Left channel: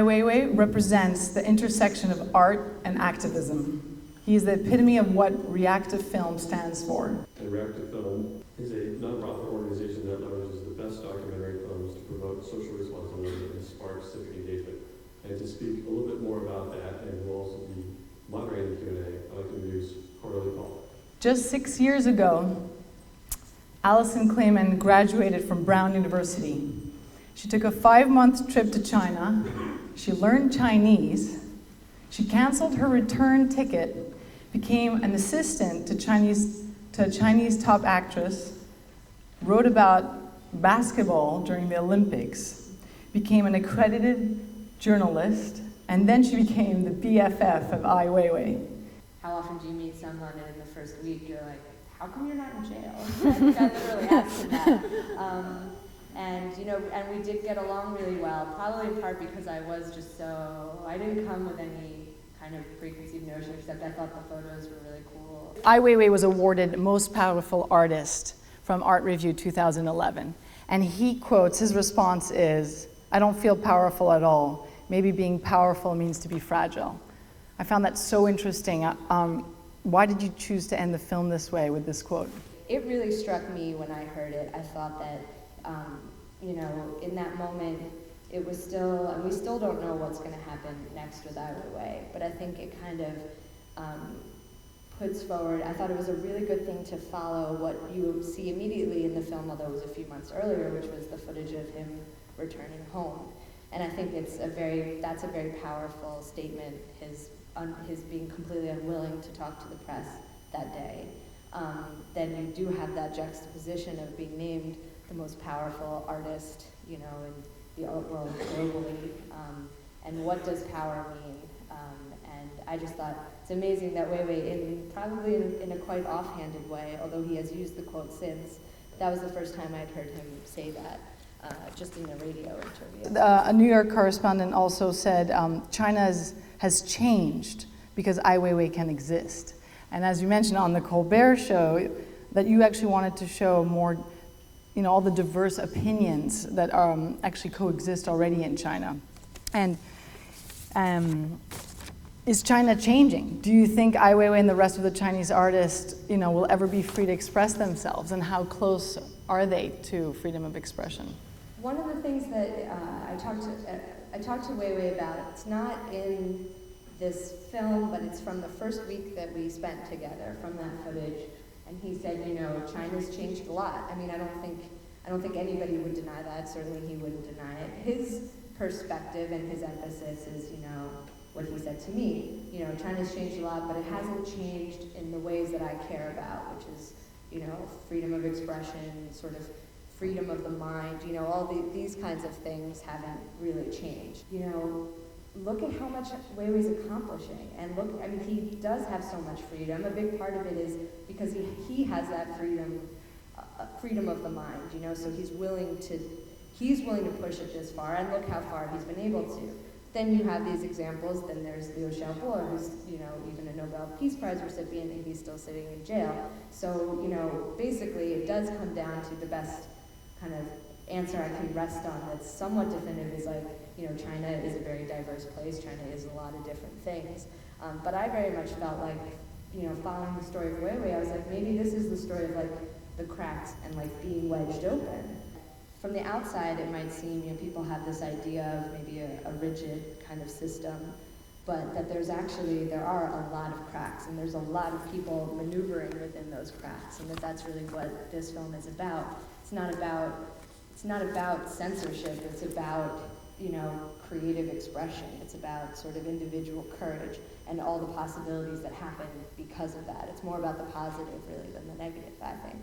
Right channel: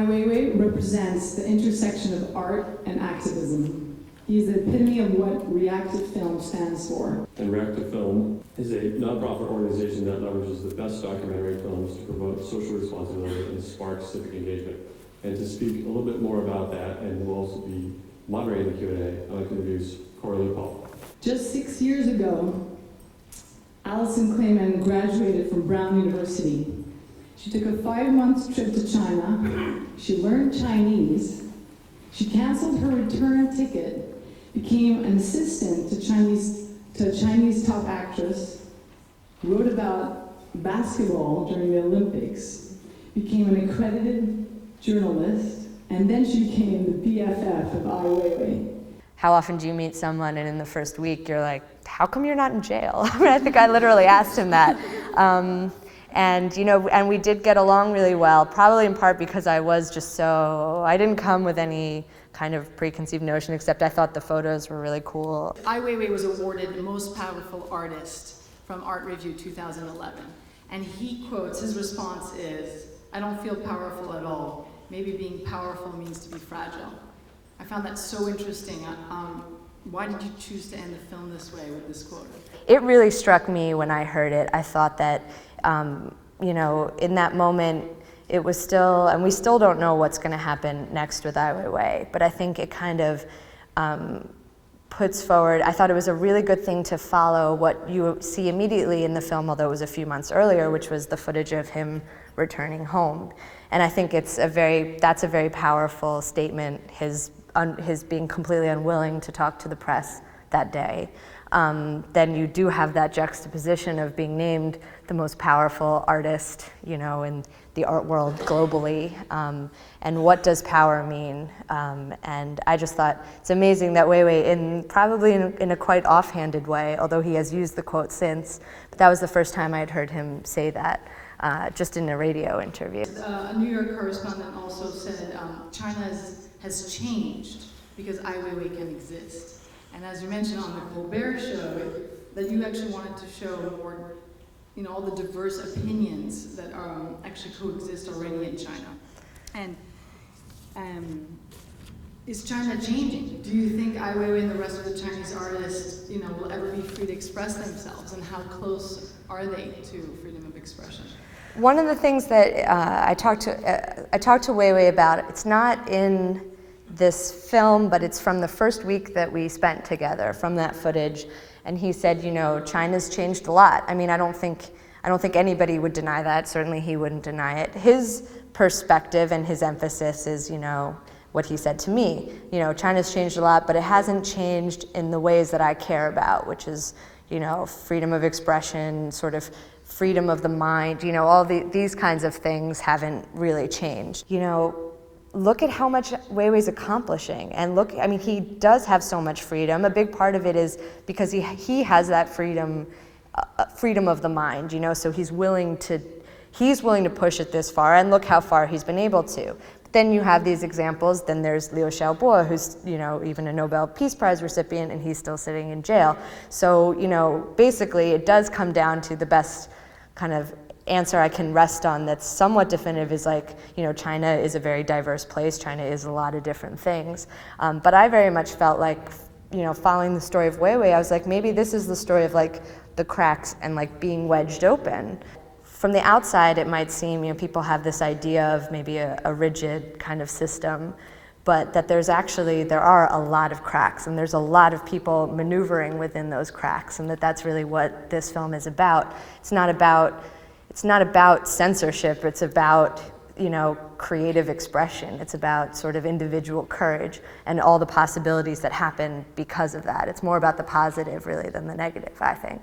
Weiwei represents the intersection of art and activism. He is the epitome of what reactive film stands for. And Reactive Film is a nonprofit organization that leverages the best documentary films to promote social responsibility and spark civic engagement. And to speak a little bit more about that, and we'll also be moderating the Q&A, I'd like to introduce Coralie Paul. Just 6 years ago, Alison Klayman graduated from Brown University. She took a 5-month trip to China. She learned Chinese. She canceled her return ticket, became an assistant to a Chinese top actress, wrote about basketball during the Olympics, became an accredited journalist, and then she became the BFF of Ai Weiwei. How often do you meet someone and in the first week you're like, how come you're not in jail? I think I literally asked him that. And we did get along really well, probably in part because I didn't come with any kind of preconceived notion, except I thought the photos were really cool. Ai Weiwei was awarded Most Powerful Artist from Art Review 2011. And he quotes, his response is, "I don't feel powerful at all. Maybe being powerful means to be fragile." I found that so interesting. Why did you choose to end the film this way with this quote? It really struck me when I heard it. I thought that, in that moment, it was still, and we still don't know what's going to happen next with Ai Weiwei, but I think it kind of puts forward, I thought it was a really good thing to follow what you see immediately in the film, although it was a few months earlier, which was the footage of him returning home. And I think that's a very powerful statement, his being completely unwilling to talk to the press that day. Then you do have that juxtaposition of being named the most powerful artist, in the art world globally. And what does power mean? And I just thought it's amazing that Weiwei, probably in a quite offhanded way, although he has used the quote since, but that was the first time I had heard him say that, just in a radio interview. A New York correspondent also said China has changed because Ai Weiwei can exist. And as you mentioned on the Colbert Show, that you actually wanted to show more, all the diverse opinions that actually coexist already in China. And is China changing? Do you think Ai Weiwei and the rest of the Chinese artists, will ever be free to express themselves? And how close are they to freedom of expression? One of the things that I talked to Weiwei about, it's not in this film, but it's from the first week that we spent together, from that footage. And he said, China's changed a lot. I mean, I don't think anybody would deny that. Certainly he wouldn't deny it. His perspective and his emphasis is, what he said to me. China's changed a lot, but it hasn't changed in the ways that I care about, which is, freedom of expression, sort of freedom of the mind, all these kinds of things haven't really changed. Look at how much Weiwei's accomplishing, and he does have so much freedom. A big part of it is because he has that freedom of the mind, so he's willing to push it this far, and look how far he's been able to. But then you have these examples. Then there's Liu Xiaobo, who's even a Nobel Peace Prize recipient, and he's still sitting in jail. So basically, it does come down to the best kind of answer I can rest on that's somewhat definitive is China is a very diverse place. China is a lot of different things. But I very much felt like, following the story of Weiwei, I was like, maybe this is the story of the cracks and being wedged open. From the outside, it might seem, people have this idea of maybe a rigid kind of system, but that there are a lot of cracks, and there's a lot of people maneuvering within those cracks, and that's really what this film is about. It's not about censorship. It's about creative expression. It's about sort of individual courage and all the possibilities that happen because of that. It's more about the positive really than the negative, I think.